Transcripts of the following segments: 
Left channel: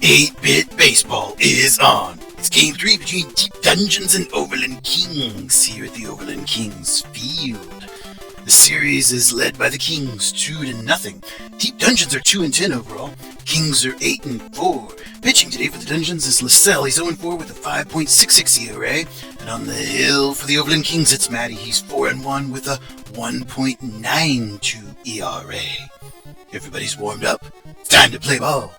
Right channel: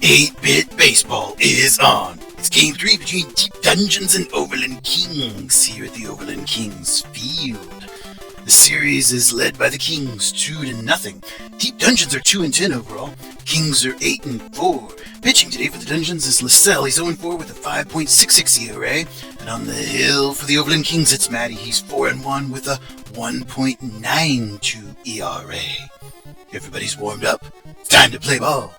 8-Bit Baseball is on. It's Game 3 between Deep Dungeons and Overland Kings here at the Overland Kings field. The series is led by the Kings 2-0. Deep Dungeons are 2-10 overall. Kings are 8-4. Pitching today for the Dungeons is LaSalle. He's 0-4 with a 5.66 ERA. And on the hill for the Overland Kings, it's Matty. He's 4-1 with a 1.92 ERA. Everybody's warmed up. It's time to play ball.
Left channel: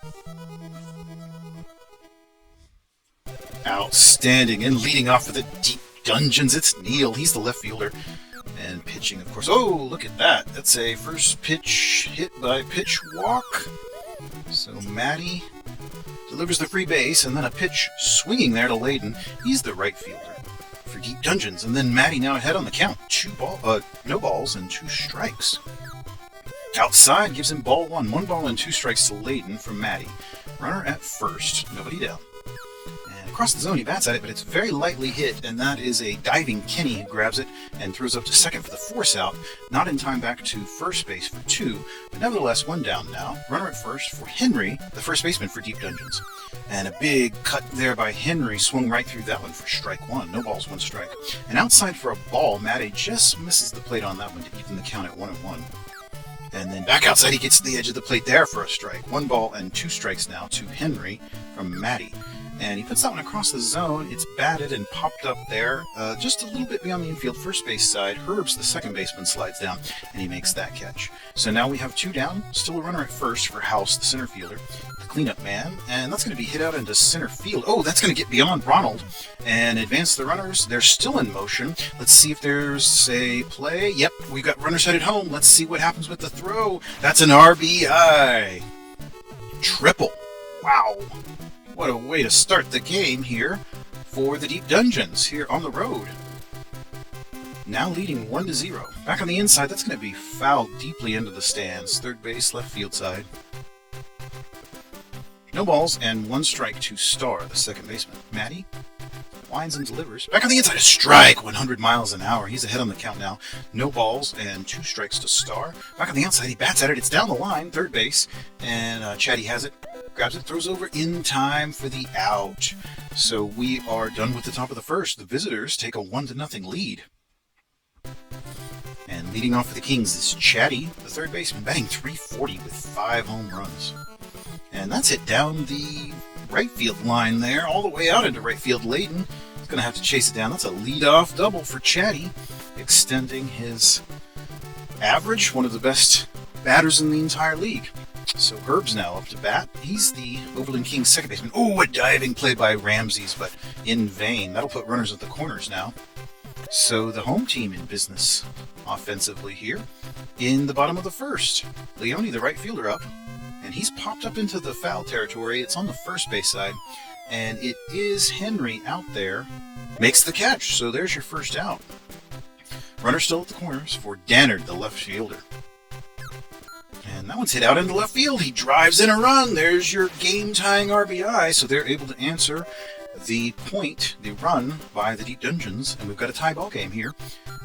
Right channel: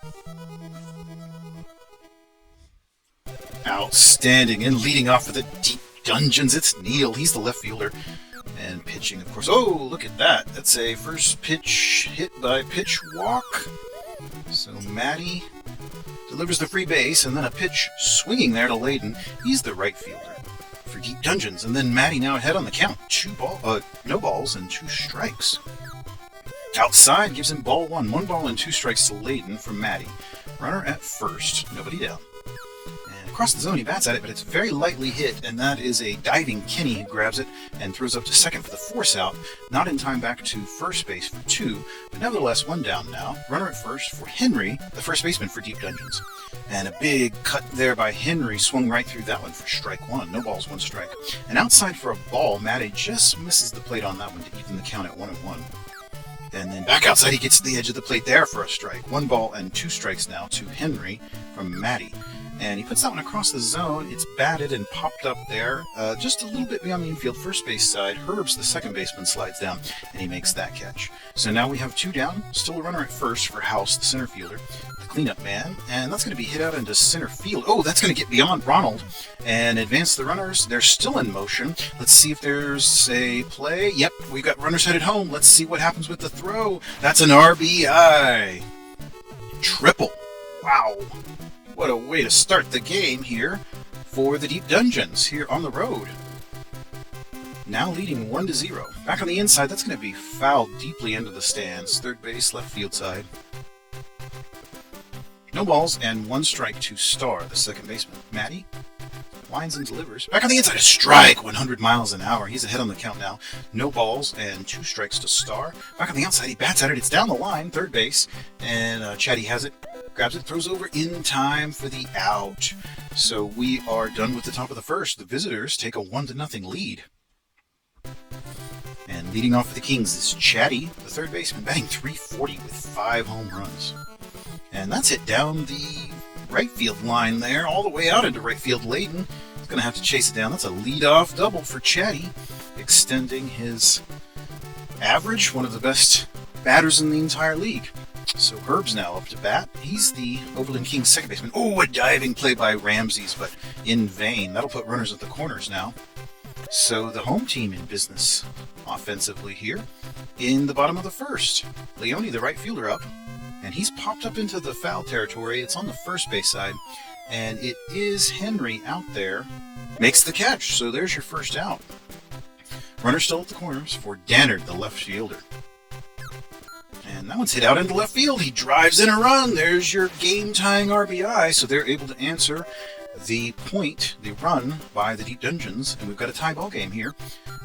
Outstanding, and leading off for the Deep Dungeons, it's Neil. He's the left fielder, and pitching, of course. Oh, look at that. That's a first pitch hit by pitch walk. So Matty delivers the free base, and then a pitch swinging there to Layden. He's the right fielder for Deep Dungeons, and then Matty now ahead on the count. No balls and 2 strikes. Outside gives him ball 1. 1 ball and 2 strikes to Layden from Matty. Runner at first, nobody down. Across the zone, he bats at it, but it's very lightly hit, and that is a diving Kenny who grabs it and throws up to second for the force out. Not in time back to first base for 2, but nevertheless 1 down now. Runner at first for Henry, the first baseman for Deep Dungeons. And a big cut there by Henry, swung right through that one for strike 1. No balls, 1 strike. And outside for a ball, Matty just misses the plate on that one to even the count at 1-1. And then back outside, he gets to the edge of the plate there for a strike. 1 ball and 2 strikes now to Henry from Matty. And he puts that one across the zone. It's batted and popped up there, just a little bit beyond the infield first base side. Herbs, the second baseman, slides down, and he makes that catch. So now we have 2 down, still a runner at first for House, the center fielder, the cleanup man, and that's going to be hit out into center field. Oh, that's going to get beyond Ronald and advance the runners. They're still in motion. Let's see if there's a play. Yep, we've got runners headed home. Let's see what happens with the throw. That's an RBI. Triple. Wow. What a way to start the game here for the Deep Dungeons here on the road. Now leading 1-0. Back on the inside, that's going to be fouled deeply into the stands. Third base, left field side. No balls and 1 strike to Star, the second baseman. Matty winds and delivers. Back on the inside, a strike, 100 miles an hour. He's ahead on the count now. No balls and 2 strikes to Star. Back on the outside, he bats at it. It's down the line, third base, and Chatty has it. Grabs it, throws over in time for the out. So we are done with the top of the first. The visitors take a 1-0 lead. And leading off for the Kings is Chatty, the third baseman, batting .340 with 5 home runs. And that's hit down the right field line there, all the way out into right field. Layden is going to have to chase it down. That's a leadoff double for Chatty, extending his average, one of the best batters in the entire league. So Herb's now up to bat. He's the Overland Kings second baseman. Oh, a diving play by Ramses, but in vain. That'll put runners at the corners now. So the home team in business offensively here in the bottom of the first. Leone, the right fielder, up, and he's popped up into the foul territory. It's on the first base side, and it is Henry out there. Makes the catch, so there's your first out. Runner still at the corners for Dannard, the left fielder. And that one's hit out into left field. He drives in a run. There's your game-tying RBI. So they're able to answer the run by the Deep Dungeons. And we've got a tie ball game here.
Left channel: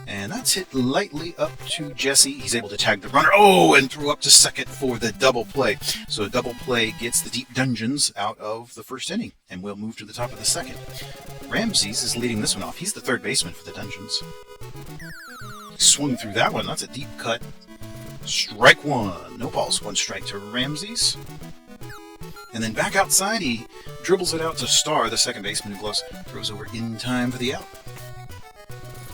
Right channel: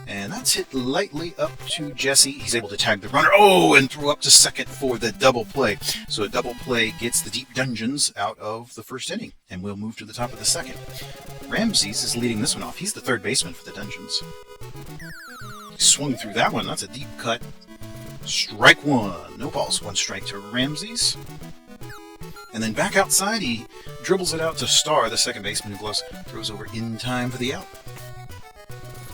And that's hit lightly up to Jesse. He's able to tag the runner. Oh, and throw up to second for the double play. So a double play gets the Deep Dungeons out of the first inning. And we'll move to the top of the second. Ramses is leading this one off. He's the third baseman for the Dungeons. Swung through that one. That's a deep cut. Strike 1. No balls, 1 strike to Ramses. And then back outside, he dribbles it out to Star, the second baseman, who throws over in time for the out.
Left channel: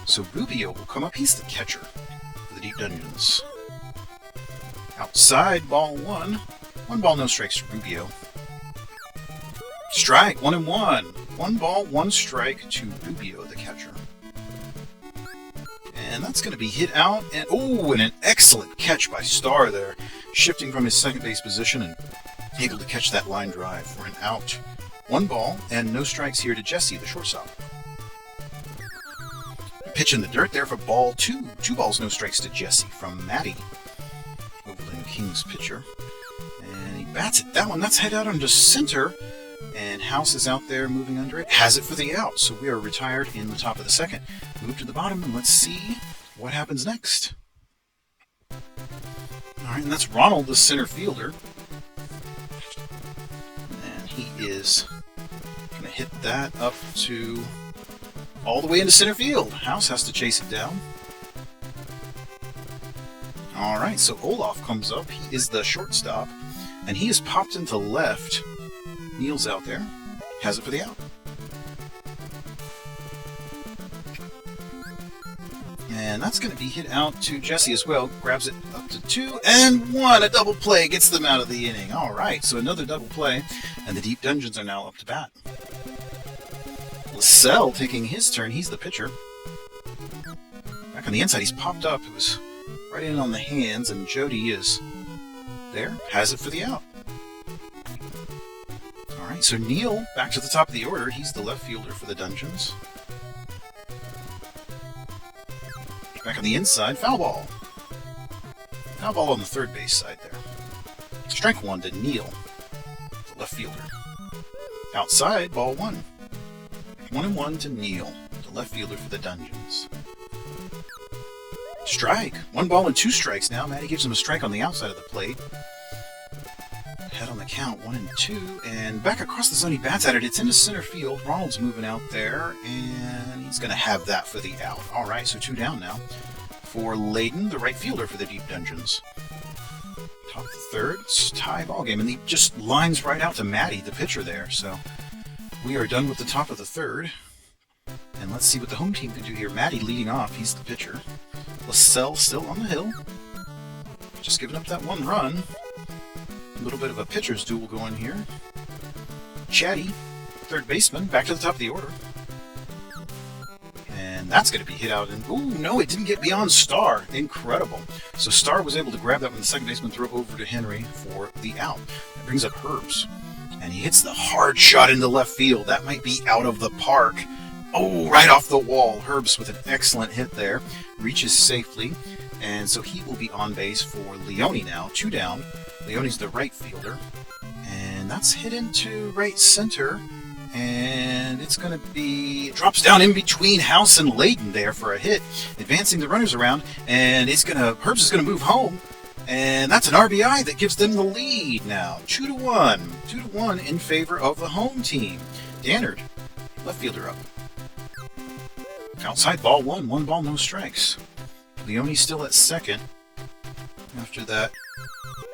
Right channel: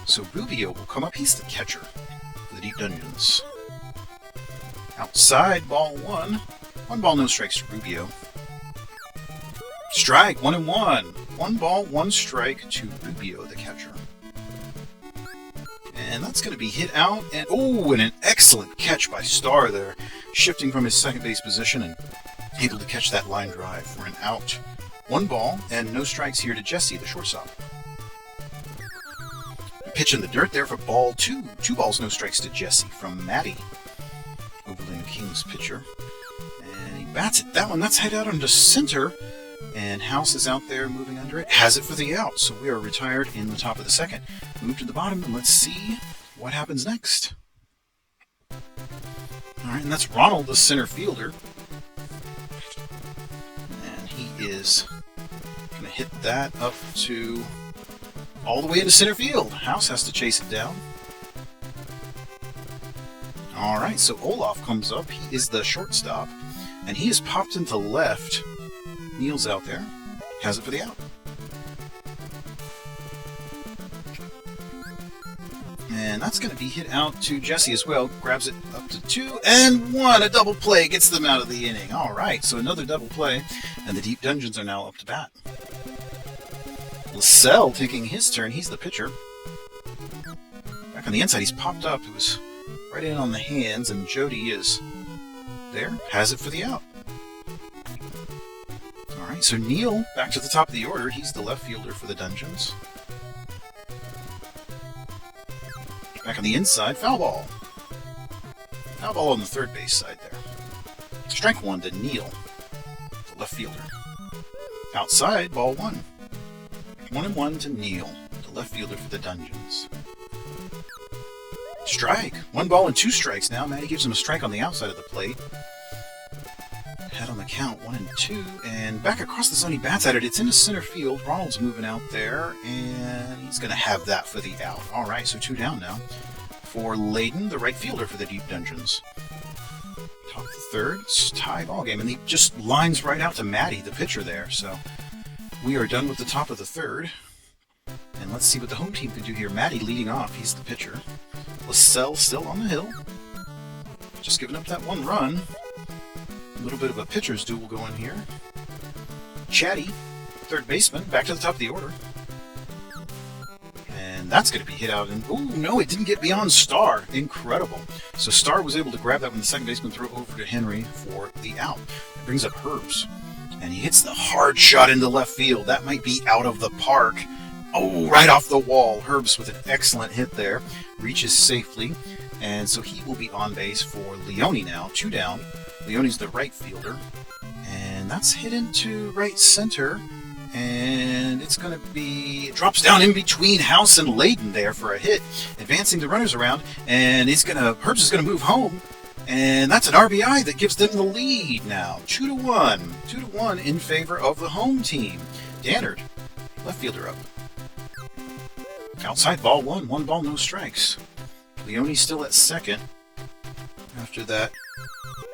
So Rubio will come up. He's the catcher for the Deep Dungeons. Outside, ball 1. 1 ball, no strikes to Rubio. Strike, 1-1. 1 ball, 1 strike to Rubio, the catcher. And that's going to be hit out, and an excellent catch by Star there, shifting from his second base position and able to catch that line drive for an out. 1 ball and no strikes here to Jesse, the shortstop. Pitch in the dirt there for ball 2. 2 balls, no strikes to Jesse from Matty, Overland Kings pitcher. And he bats it. That one, that's hit out onto center, and House is out there moving under it. Has it for the out, so we are retired in the top of the second. Move to the bottom, and let's see what happens next. All Alright, and that's Ronald, the center fielder. And he is going to hit that up to all the way into center field. House has to chase it down. Alright, so Olaf comes up. He is the shortstop. And he is popped into left. Neil's out there. Has it for the out. And that's going to be hit out to Jesse as well. Grabs it up to 2 and 1. A double play gets them out of the inning. Alright, so another double play. And the Deep Dungeons are now up to bat. Lascelles taking his turn. He's the pitcher. Back on the inside, he's popped up. It was right in on the hands, and Jody is there. Has it for the out. Alright, so Neil back to the top of the order. He's the left fielder for the Dungeons. Back on the inside, foul ball. Foul ball on the third base side there. Strike 1 to Neil, the left fielder. Outside, ball 1. 1-1 to Neil, the left fielder for the Dungeons. Strike. 1 ball and 2 strikes now. Matty gives him a strike on the outside of the plate. Head on the count, 1 and 2. And back across the zone, he bats at it. It's into center field. Ronald's moving out there, and he's going to have that for the out. All right, so 2 down now for Layden, the right fielder for the Deep Dungeons. Top of the third. It's a tie ball game, and he just lines right out to Matty, the pitcher there. So we are done with the top of the third. And let's see what the home team can do here. Matty leading off. He's the pitcher. Lascelles still on the hill. Just giving up that 1 run. A little bit of a pitcher's duel going here. Chatty, third baseman, back to the top of the order. And that's going to be hit out. And oh no, it didn't get beyond Star. Incredible. So Star was able to grab that when the second baseman threw it over to Henry for the out. It brings up Herbs. And he hits the hard shot into left field. That might be out of the park. Oh, right off the wall. Herbs with an excellent hit there. Reaches safely. And so he will be on base for Leone now. 2 down. Leone's the right fielder. And that's hit into right center. And it's going to be... drops down in between House and Layden there for a hit. Advancing the runners around. And Herbs is going to move home. And that's an RBI that gives them the lead now. 2-1. 2-1 in favor of the home team. Dannard, left fielder up. Outside, ball 1. 1 ball, no strikes. Leone still at second after that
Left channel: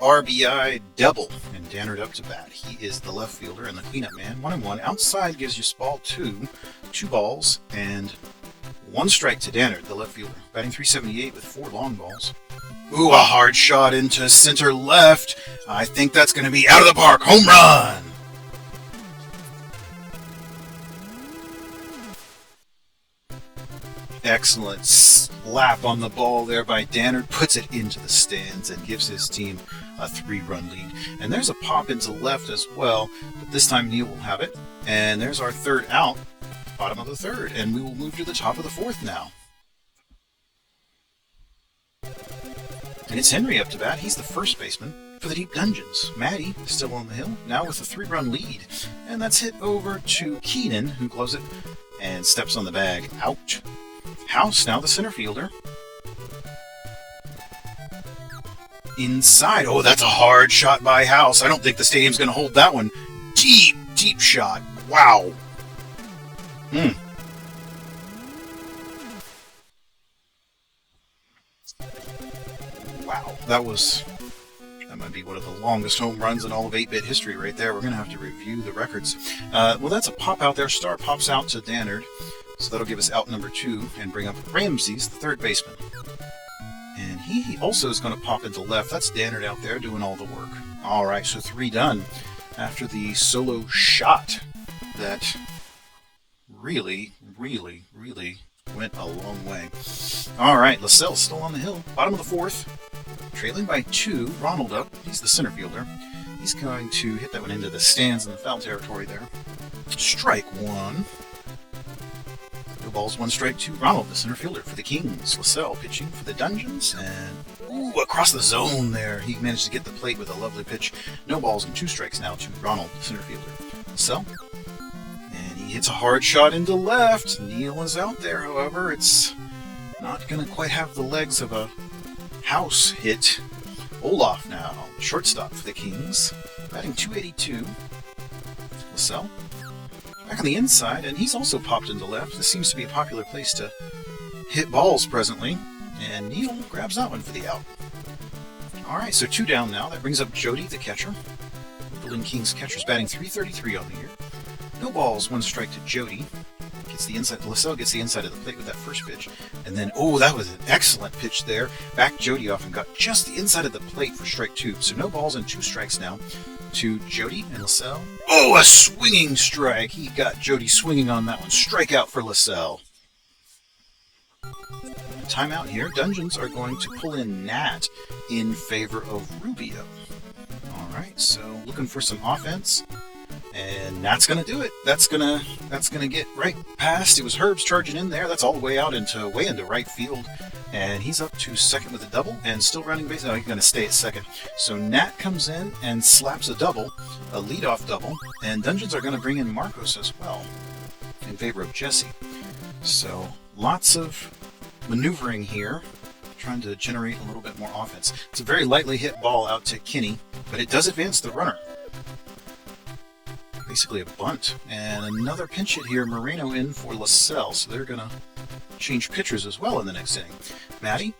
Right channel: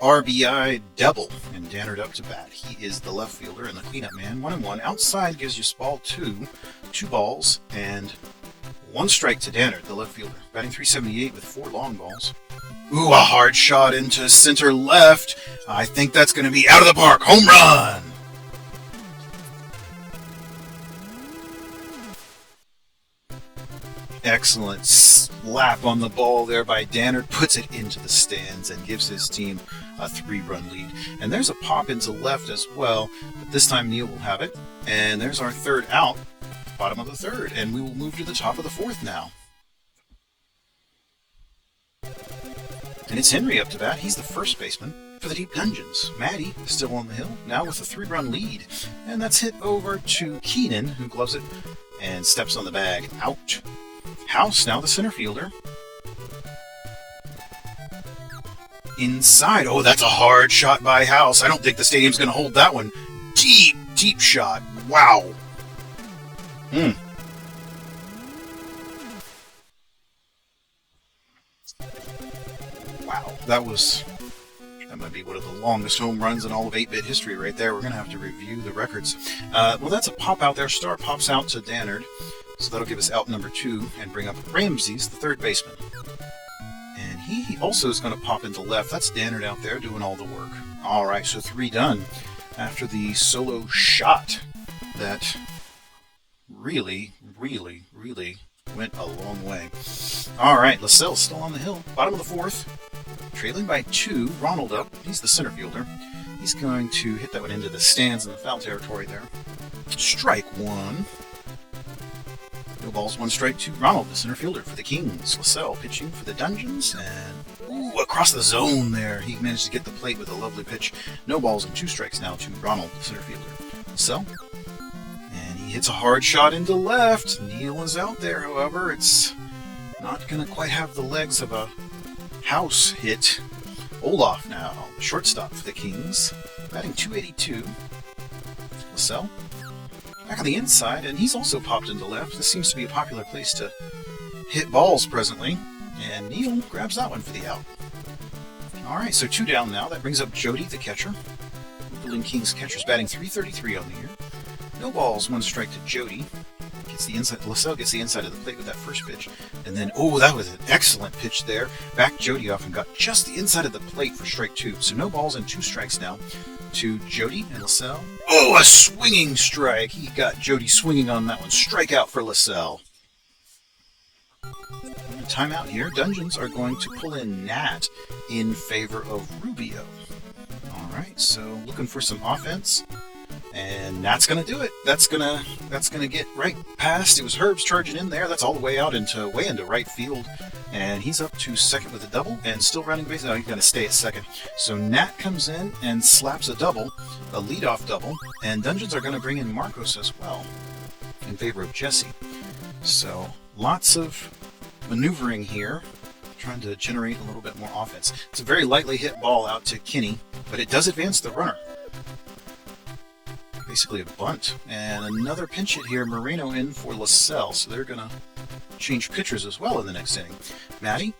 RBI double. And Dannard up to bat. He is the left fielder and the cleanup man. 1-1. Outside gives you ball 2. 2 balls and 1 strike to Dannard, the left fielder. Batting .378 with 4 long balls. Ooh, a hard shot into center left. I think that's going to be out of the park. Home run! Excellent slap on the ball there by Dannard. Puts it into the stands and gives his team a 3-run lead. And there's a pop into left as well. But this time Neil will have it. And there's our third out. Bottom of the third. And we will move to the top of the fourth now. And it's Henry up to bat. He's the first baseman for the Deep Dungeons. Matty is still on the hill, now with a 3-run lead. And that's hit over to Keenan, who gloves it and steps on the bag. Out. House, now the center fielder. Inside. Oh, that's a hard shot by House. I don't think the stadium's going to hold that one. Deep, deep shot. Wow. Wow. That might be one of the longest home runs in all of 8-bit history right there. We're going to have to review the records. Well, that's a pop out there. Star pops out to Dannard. So that'll give us out number 2 and bring up Ramses, the third baseman. And he also is going to pop into left. That's Dannard out there doing all the work. All right, so 3 done after the solo shot that really, really, really went a long way. All right, Lascelles still on the hill. Bottom of the fourth. Trailing by 2. Ronald up. He's the center fielder. He's going to hit that one into the stands in the foul territory there. Strike 1. No balls, 1 strike to Ronald, the center fielder for the Kings. Lascelles pitching for the Dungeons. And ooh, across the zone there. He managed to get the plate with a lovely pitch. No balls and 2 strikes now to Ronald, the center fielder. Lascelles. And he hits a hard shot into left. Neil is out there, however. It's not going to quite have the legs of a House hit. Olaf now, shortstop for the Kings, batting 282. LaSalle back on the inside, and he's also popped into left. This seems to be a popular place to hit balls presently, and Neal grabs that one for the out. Alright, so 2 down now. That brings up Jody, the catcher. Overland Kings catcher's batting 333 on the year. No balls, 1 strike to Jody. Gets the inside. LaSalle gets the inside of the plate with that first pitch. And then, oh, that was an excellent pitch there. Backed Jody off and got just the inside of the plate for strike 2. So no balls and 2 strikes now to Jody and LaSalle. Oh, a swinging strike. He got Jody swinging on that one. Strikeout for LaSalle. Timeout here. Dungeons are going to pull in Nat in favor of Rubio. Alright, so looking for some offense. And Nat's gonna do it. That's gonna get right past. It was Herb's charging in there. That's all the way out way into right field. And he's up to second with a double and still running base. He's gonna stay at second. So Nat comes in and slaps a double, a leadoff double, and Dungeons are gonna bring in Marcos as well in favor of Jesse. So lots of maneuvering here, trying to generate a little bit more offense. It's a very lightly hit ball out to Kinney, but it does advance the runner. Basically a bunt. And another pinch hit here, Moreno in for LaSalle, so they're going to change pitchers as well in the next inning. Matty,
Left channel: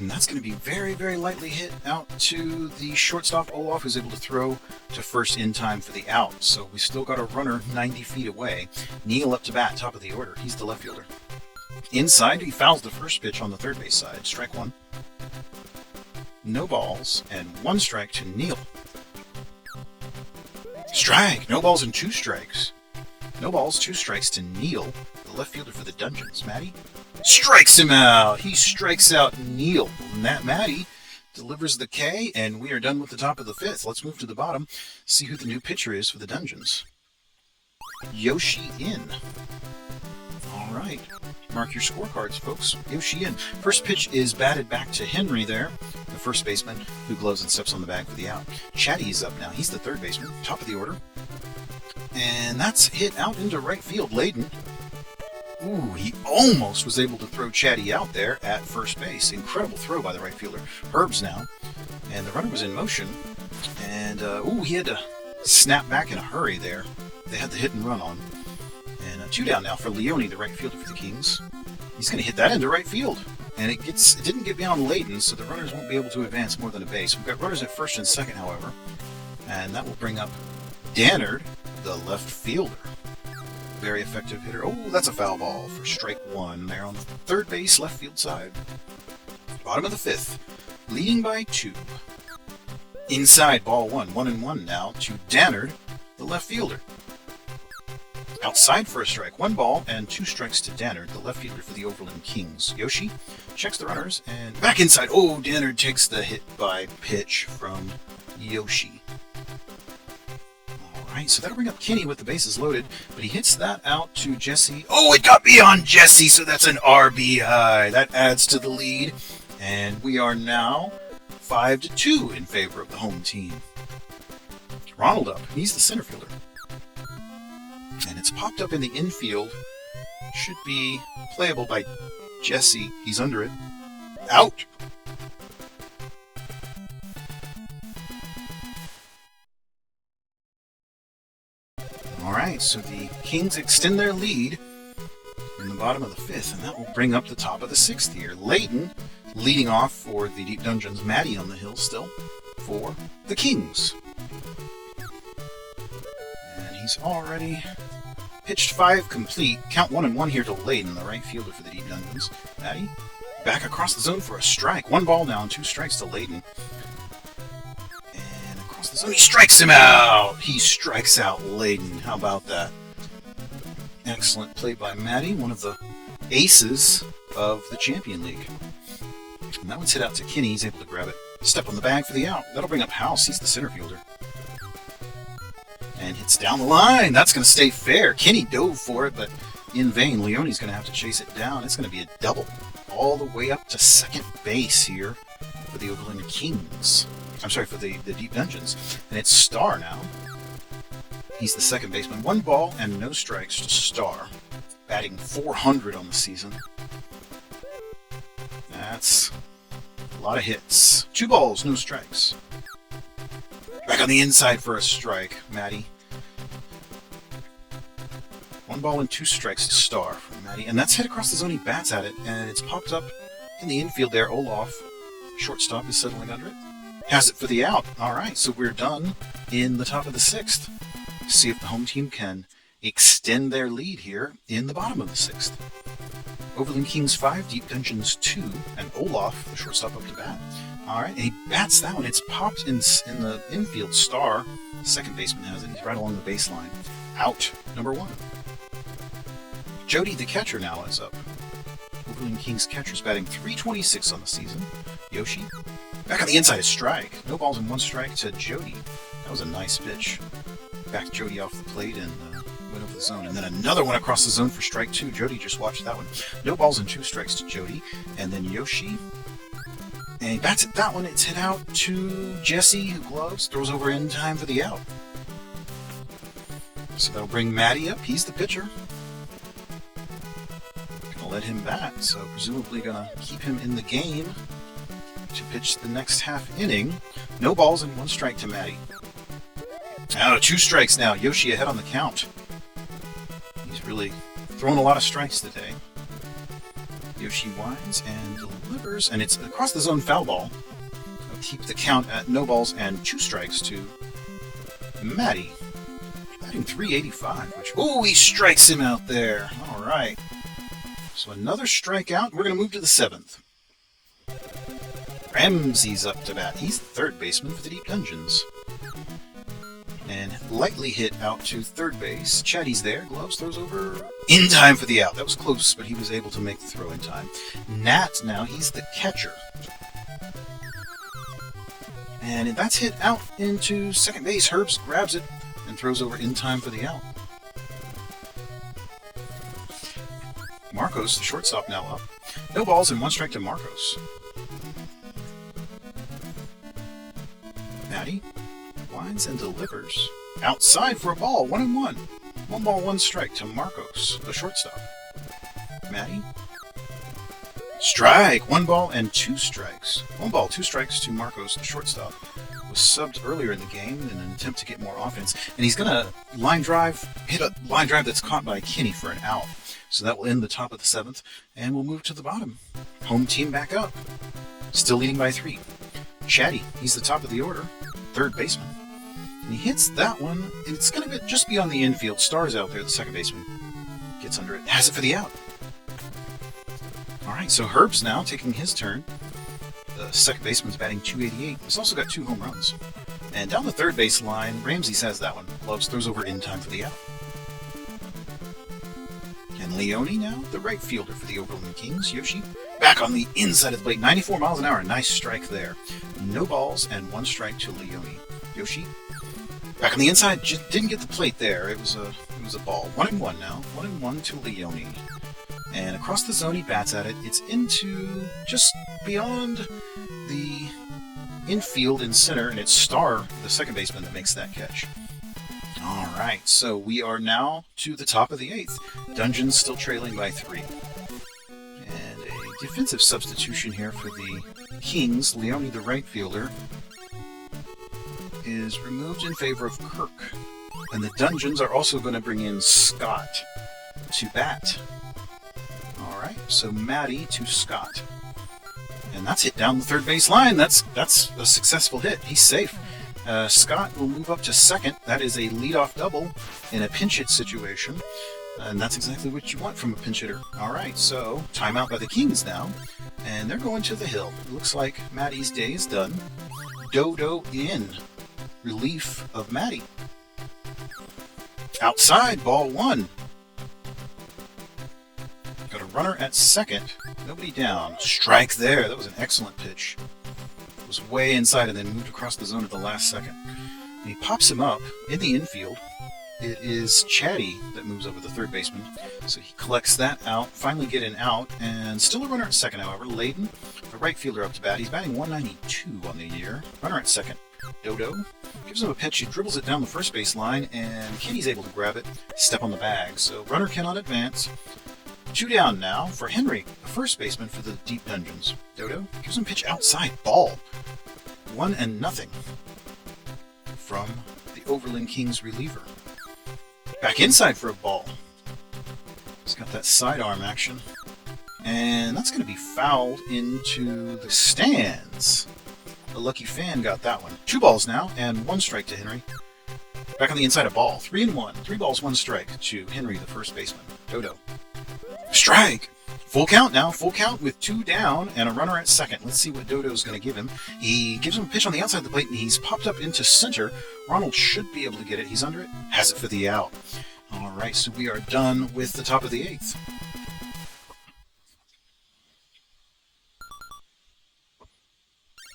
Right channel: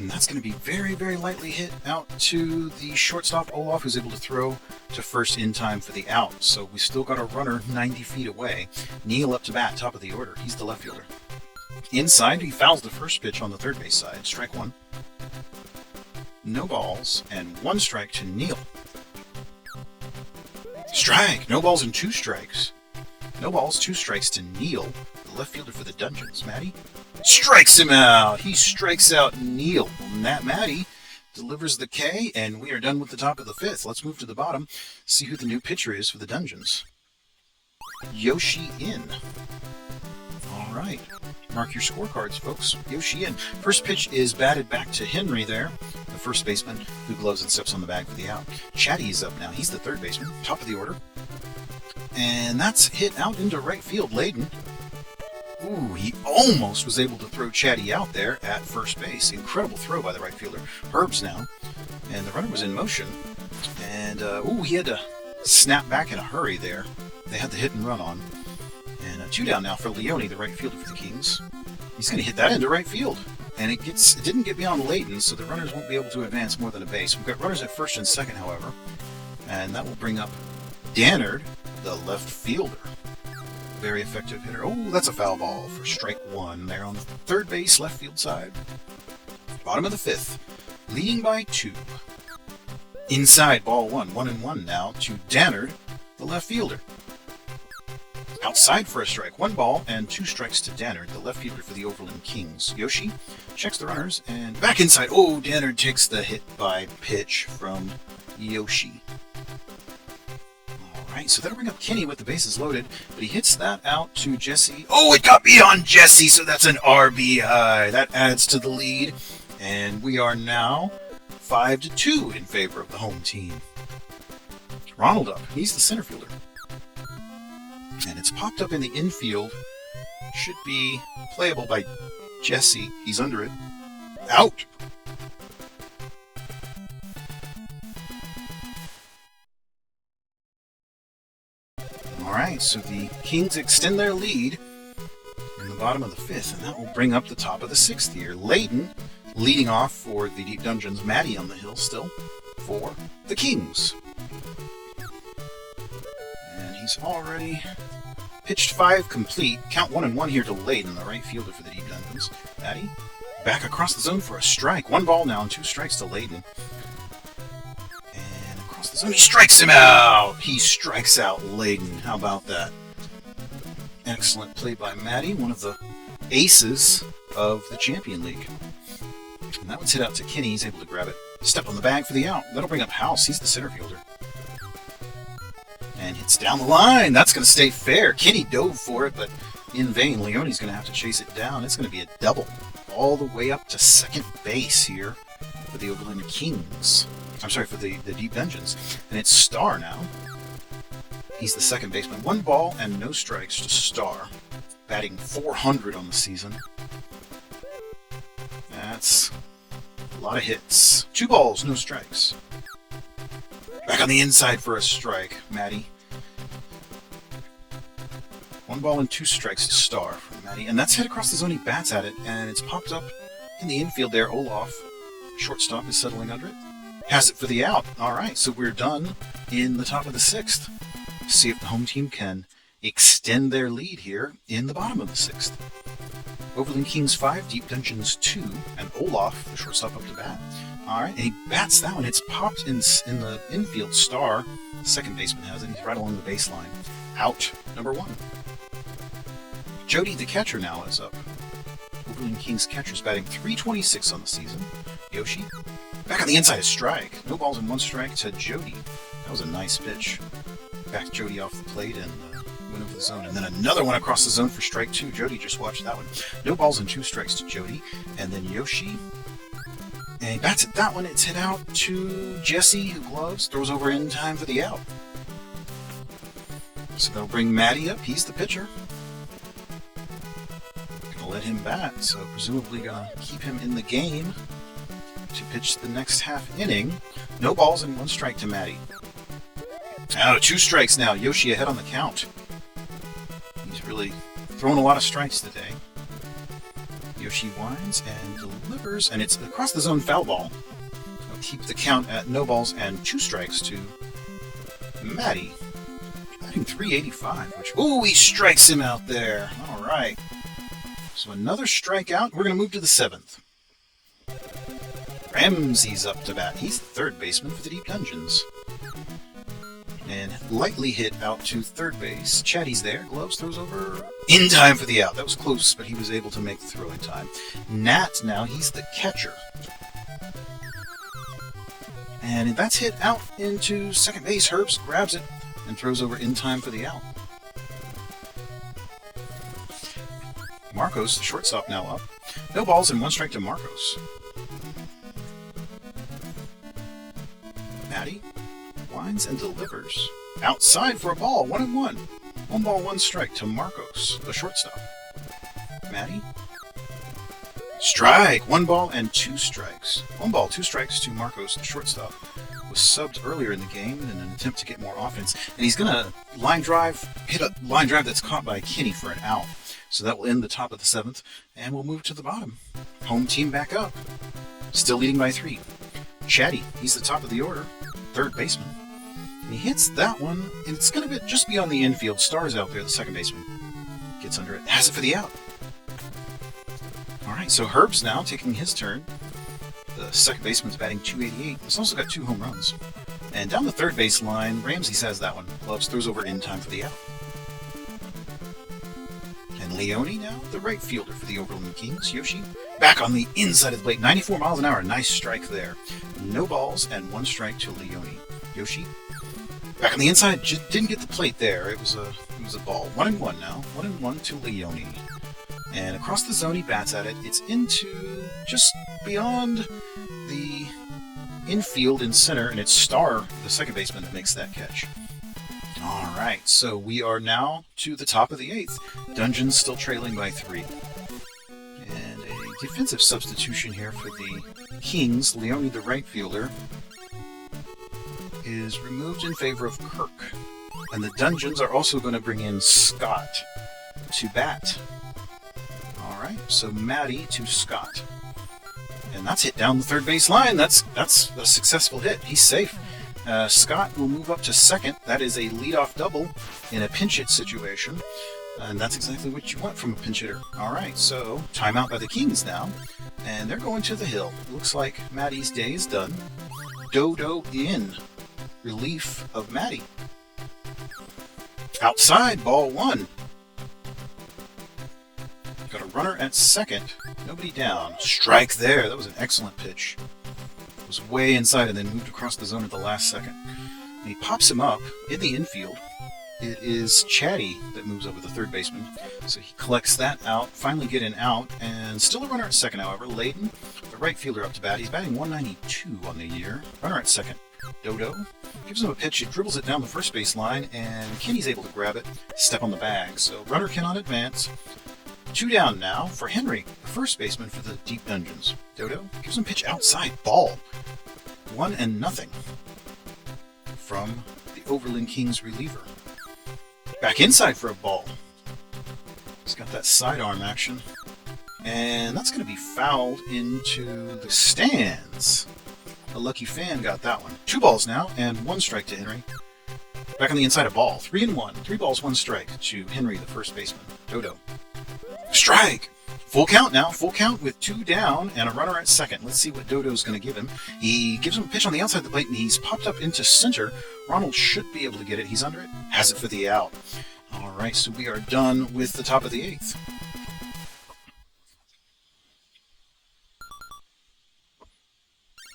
and that's going to be very, very lightly hit out to the shortstop Olaf, who's able to throw to first in time for the out. So we still got a runner 90 feet away. Neal up to bat, top of the order. He's the left fielder. Inside, he fouls the first pitch on the third base side. Strike 1. No balls, and 1 strike to Neal. Strike! No balls and 2 strikes. No balls, 2 strikes to Neal, the left fielder for the Dungeons. Matty strikes him out. He strikes out Neal. Matty delivers the K, and we are done with the top of the 5th. Let's move to the bottom, see who the new pitcher is for the Dungeons. Yoshi In. All right. Mark your scorecards, folks. Yoshi In. First pitch is batted back to Henry there, the first baseman, who gloves and steps on the bag for the out. Chatty is up now. He's the third baseman, top of the order. And that's hit out into right field. Layden. Ooh, he almost was able to throw Chatty out there at first base. Incredible throw by the right fielder. Herb's now. And the runner was in motion. And, he had to snap back in a hurry there. They had the hit and run on. And 2 down now for Leone, the right fielder for the Kings. He's going to hit that into right field. And it didn't get beyond Layden, so the runners won't be able to advance more than a base. We've got runners at first and second, however. And that will bring up Dannard, the left fielder. Very effective hitter. Oh, that's a foul ball for strike 1 there on the third base, left field side. Bottom of the 5th, leading by 2. Inside, ball 1, 1-1 now to Dannard, the left fielder. Outside for a strike, 1 ball and 2 strikes to Dannard, the left fielder for the Overland Kings. Yoshi checks the runners and back inside. Oh, Dannard takes the hit by pitch from Yoshi. Alright, so that'll bring up Kinney with the bases loaded, but he hits that out to Jesse. Oh, it got beyond Jesse, so that's an RBI. That adds to the lead, and we are now 5-2 in favor of the home team. Ronald up. He's the center fielder. And it's popped up in the infield. Should be playable by Jesse. He's under it. Out! Alright, so the Kings extend their lead in the bottom of the 5th, and that will bring up the top of the 6th here. Layden leading off for the Deep Dungeons. Matty on the hill still for the Kings. And he's already pitched 5 complete. Count 1-1 here to Layden, the right fielder for the Deep Dungeons. Matty back across the zone for a strike. 1 ball now and 2 strikes to Layden. And across the zone, he strikes him out. He strikes out Layden. How about that? Excellent play by Matty, one of the aces of the Champion League. And that one's hit out to Kinney. He's able to grab it. Step on the bag for the out. That'll bring up House. He's the center fielder. And hits down the line. That's going to stay fair. Kinney dove for it, but in vain. Leone's going to have to chase it down. It's going to be a double all the way up to second base here for the Overland Kings. I'm sorry, for the Deep Dungeons. And it's Star now. He's the second baseman. 1 ball and no strikes to Star. Batting .400 on the season. That's A lot of hits. 2 balls, no strikes. Back on the inside for a strike, Matty. 1 ball and 2 strikes to Star from Matty. And that's hit across the zone. He bats at it, and it's popped up in the infield there. Olaf, shortstop, is settling under it. Has it for the out. All right, so we're done in the top of the 6th. See if the home team can extend their lead here in the bottom of the 6th. Overland Kings 5, Deep Dungeons 2, and Olaf, the shortstop, up to bat. All right, and he bats that one. It's popped in the infield. Star, the second baseman, has it. He's right along the baseline. Out, number 1. Jody, the catcher, now is up. Overland Kings catcher's batting .326 on the season. Yoshi, back on the inside, strike. No balls and 1 strike to Jody. That was a nice pitch. Backed Jody off the plate and went over the zone. And then another one across the zone for strike 2. Jody just watched that one. No balls and 2 strikes to Jody. And then Yoshi. And he bats at that one. It's hit out to Jesse, who gloves, throws over in time for the out. So that'll bring Matty up. He's the pitcher. Gonna let him bat, so presumably gonna keep him in the game to pitch the next half inning. No balls and 1 strike to Matty. Out of 2 strikes now. Yoshi ahead on the count. He's really thrown a lot of strikes today. Yoshi winds and delivers, and it's across the zone foul ball. It'll keep the count at no balls and 2 strikes to Matty. Batting .385, which... Ooh, he strikes him out there. All right. So another strikeout. We're going to move to the 7th. Ramsey's up to bat. He's the third baseman for the Deep Dungeons. And lightly hit out to third base. Chatty's there. Gloves throws over in time for the out. That was close, but he was able to make the throw in time. Nat now, he's the catcher. And that's hit out into second base. Herbs grabs it and throws over in time for the out. Marcos, the shortstop, now up. No balls and 1 strike to Marcos. Matty winds and delivers. Outside for a ball, 1-1. 1 ball, 1 strike to Marcos, the shortstop. Matty. Strike! 1 ball and 2 strikes. 1 ball, 2 strikes to Marcos, the shortstop. Was subbed earlier in the game in an attempt to get more offense. And he's going to hit a line drive that's caught by Kenny for an out. So that will end the top of the 7th, and we'll move to the bottom. Home team back up. Still leading by 3. Chatty, he's the top of the order. Third baseman. And he hits that one, and it's going to just be on the infield. Star's out there, the second baseman. Gets under it. Has it for the out. All right, so Herb's now taking his turn. The second baseman's batting .288. He's also got 2 home runs. And down the third base line, Ramsey says that one. Loves throws over in time for the out. And Leone now, the right fielder for the Overland Kings. Yoshi back on the inside of the plate. 94 miles an hour. Nice strike there. No balls and 1 strike to Leone. Yoshi back on the inside. Just didn't get the plate there. It was a ball. 1-1 now. 1-1 to Leone. And across the zone, he bats at it. It's into just beyond the infield and center, and it's Star, the second baseman, that makes that catch. All right, so we are now to the top of the 8th. Dungeons still trailing by 3. And a defensive substitution here for the Kings. Leone, the right fielder, is removed in favor of Kirk. And the Dungeons are also going to bring in Scott to bat. So Matty to Scott. And that's hit down the third base line. That's a successful hit. He's safe. Scott will move up to second. That is a leadoff double in a pinch hit situation. And that's exactly what you want from a pinch hitter. All right, so timeout by the Kings now. And they're going to the hill. Looks like Matty's day is done. Dodo in. Relief of Matty. Outside, ball 1. Runner at second, nobody down. Strike there. That was an excellent pitch. It was way inside and then moved across the zone at the last second. And he pops him up in the infield. It is Chatty that moves up with the third baseman. So he collects that out, finally get an out, and still a runner at second, however. Layton, the right fielder, up to bat. He's batting .192 on the year. Runner at second. Dodo gives him a pitch. He dribbles it down the first base line, and Kenny's able to grab it, step on the bag. So runner cannot advance. 2 down now for Henry, the first baseman for the deep dungeons. Dodo gives him pitch outside. Ball. 1-0 from the Overland Kings reliever. Back inside for a ball. He's got that sidearm action. And that's going to be fouled into the stands. A lucky fan got that one. 2 balls now, and 1 strike to Henry. Back on the inside, a ball. 3-1. 3 balls, 1 strike to Henry, the first baseman. Dodo. Strike! Full count now. Full count with 2 down and a runner at second. Let's see what Dodo's going to give him. He gives him a pitch on the outside of the plate, and he's popped up into center. Ronald should be able to get it. He's under it. Has it for the out. All right, so we are done with the top of the 8th.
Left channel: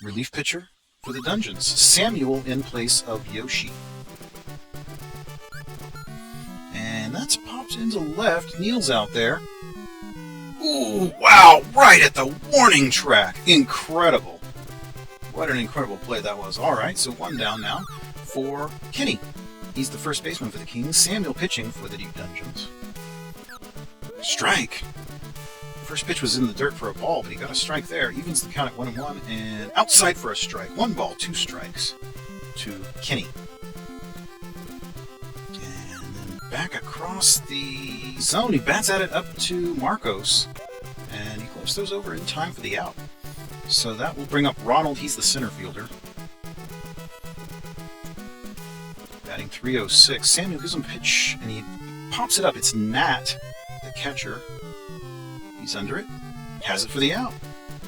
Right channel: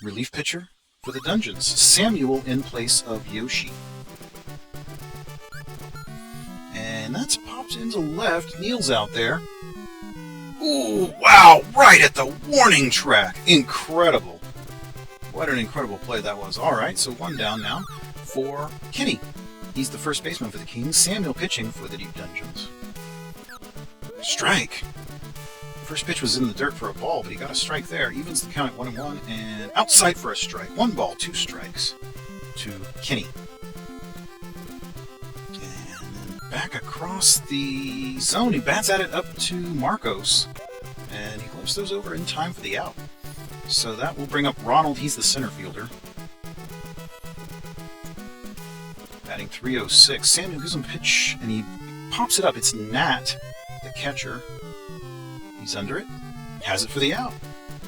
Relief pitcher for the Dungeons. Samuel in place of Yoshi. And that's popped into left. Neil's out there. Ooh, wow, right at the warning track. Incredible. What an incredible play that was. All right, so 1 down now for Kenny. He's the first baseman for the Kings. Samuel pitching for the Deep Dungeons. Strike. First pitch was in the dirt for a ball, but he got a strike there. Evens the count at 1-1, and outside for a strike. 1 ball, 2 strikes to Kenny. And then back across the zone. He bats at it up to Marcos, and he gloves those over in time for the out. So that will bring up Ronald. He's the center fielder. Batting .306. Samuel gives him pitch, and he pops it up. It's Nat, the catcher. He's under it. Has it for the out.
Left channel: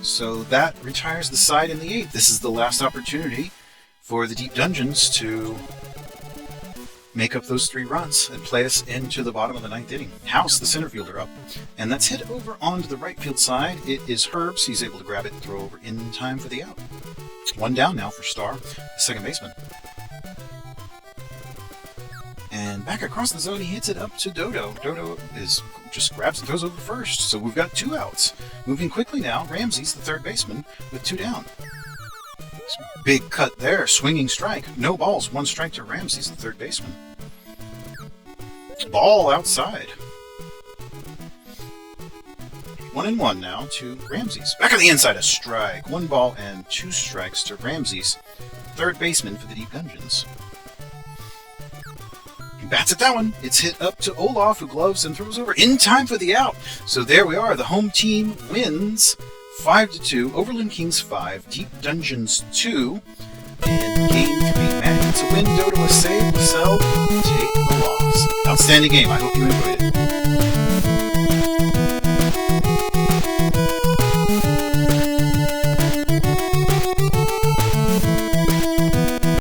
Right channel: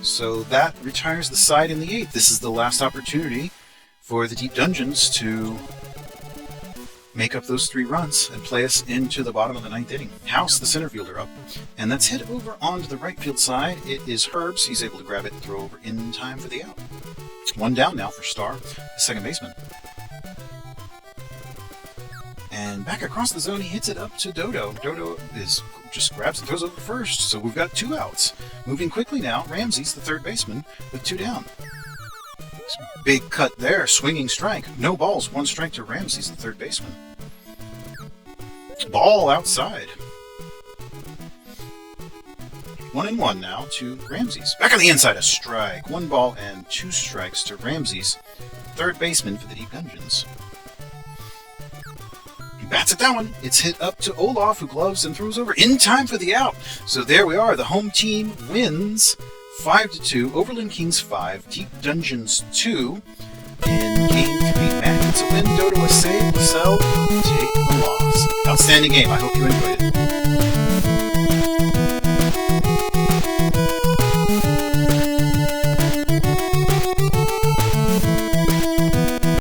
So that retires the side in the 8th. This is the last opportunity for the Deep Dungeons to make up those 3 runs and play us into the bottom of the 9th inning. House, the center fielder, up. And that's hit over onto the right field side. It is Herbs. He's able to grab it and throw over in time for the out. 1 down now for Star, the second baseman. And back across the zone, he hits it up to Dodo. Dodo just grabs and throws over first. So we've got 2 outs. Moving quickly now, Ramsey's the third baseman with 2 down. Big cut there, swinging strike. No balls, 1 strike to Ramsey's the third baseman. Ball outside. 1-1 now to Ramsey's. Back on the inside, a strike. 1 ball and 2 strikes to Ramsey's third baseman for the Deep Dungeons. Bats at that one. It's hit up to Olaf, who gloves and throws over in time for the out. So there we are. The home team wins 5-2. Overland Kings 5, Deep Dungeons 2. And